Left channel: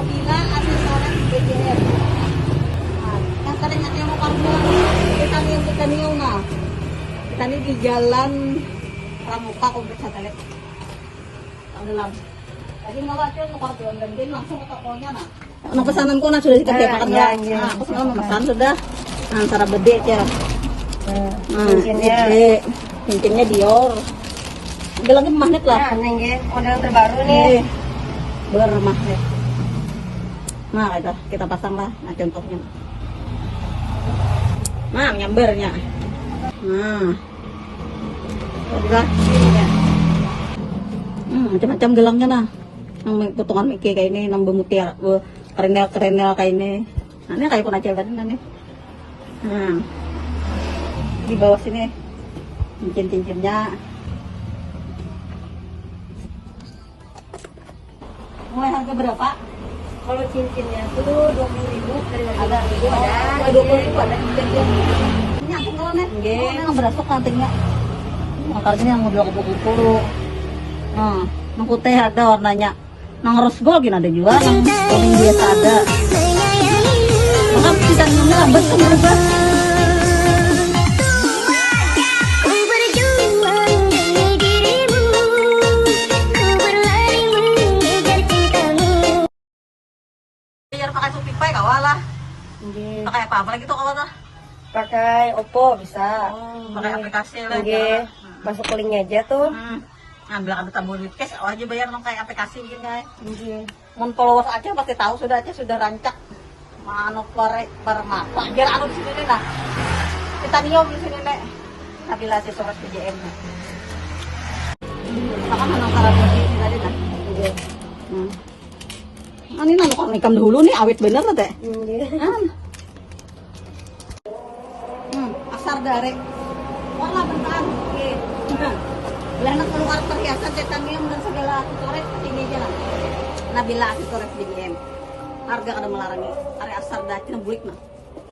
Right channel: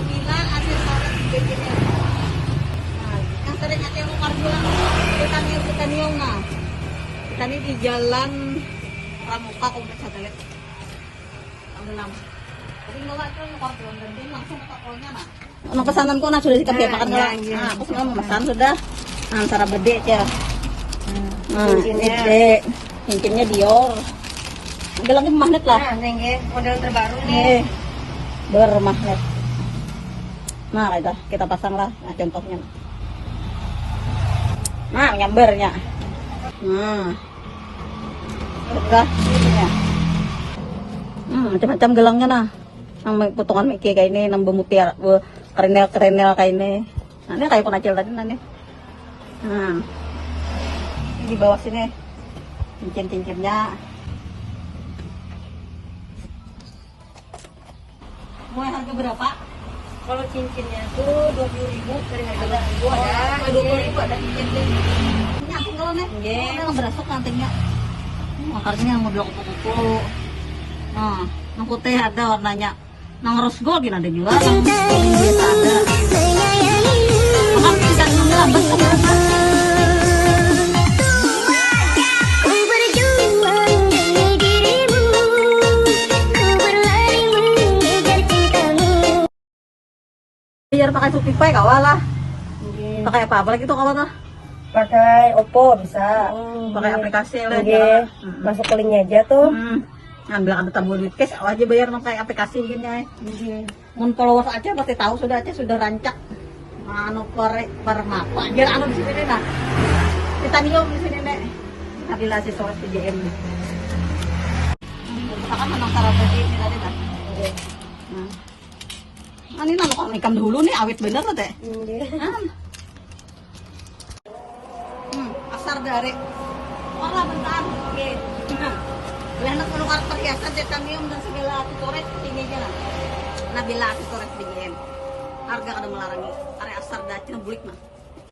Nabila asli orang engineer. Yang sering natin mo karbulan kita niyo sa kaniyo na. Kani di jalan Pramuka kompleks satelit. Ang lam. Kasi mawat yung karbulan dan din langsung ke tokonya na. Nang pesanan ko na sudah dikatakan lah. Nah, aku semalam pesan sudah. Nah, cara bede ya. Gede. Cincinnya Dior. Bilangnya magnet lah. Ini model terbaru nih. Bermagnet. Nah, kita pasang lah. Nah, contohnya. Nah, nyambernya. Nah. Udah. Macam-macam gelangnya nah. Yang potongan Mickey kayak ini, nang bumupir, kerenel kayak ini. Nah, ini kayak penacil tadi nih. Nah. Di bawah sini cincin-cincinnya. Mulai harga berapa? Kalau cincinnya itu 20.000, ada 20.000 ada. 20.000 ada cincin. Ini aku kalau nih. Nggih, berasa kantingnya. Akarnya yang udah kupu-kupu. Nah, yang putih ada warnanya. Yang rose gold gini ada juga. Yang biasa ada. Makan ikannya lambat kenapa? Biar pakai Shopee kawalah. Pakai apa lagi tuh kawan tuh? Pakai Oppo bisa. Pakai aplikasi lah. Jadi masuk ke linknya aja tuh. Ngambil ada tabur duit cash aja bayar pakai aplikasi gini guys. Mun followers aja pasti tahu sudah rancak. Anu para mata. Biar anu di sini nah. Kita niom di sini deh. Nabila si sobat PJM. Makan nang sarapan ini tadi nah. Ini nang kok nikam dulu nih awet bener tuh teh. Asar dari warna bentar. Oke. Lah anak keluar perhiasan titanium dan segala aksesoris ini aja lah. Nabila aksesoris BGM. Harga kada melarang. Are asar dacin bulik mah.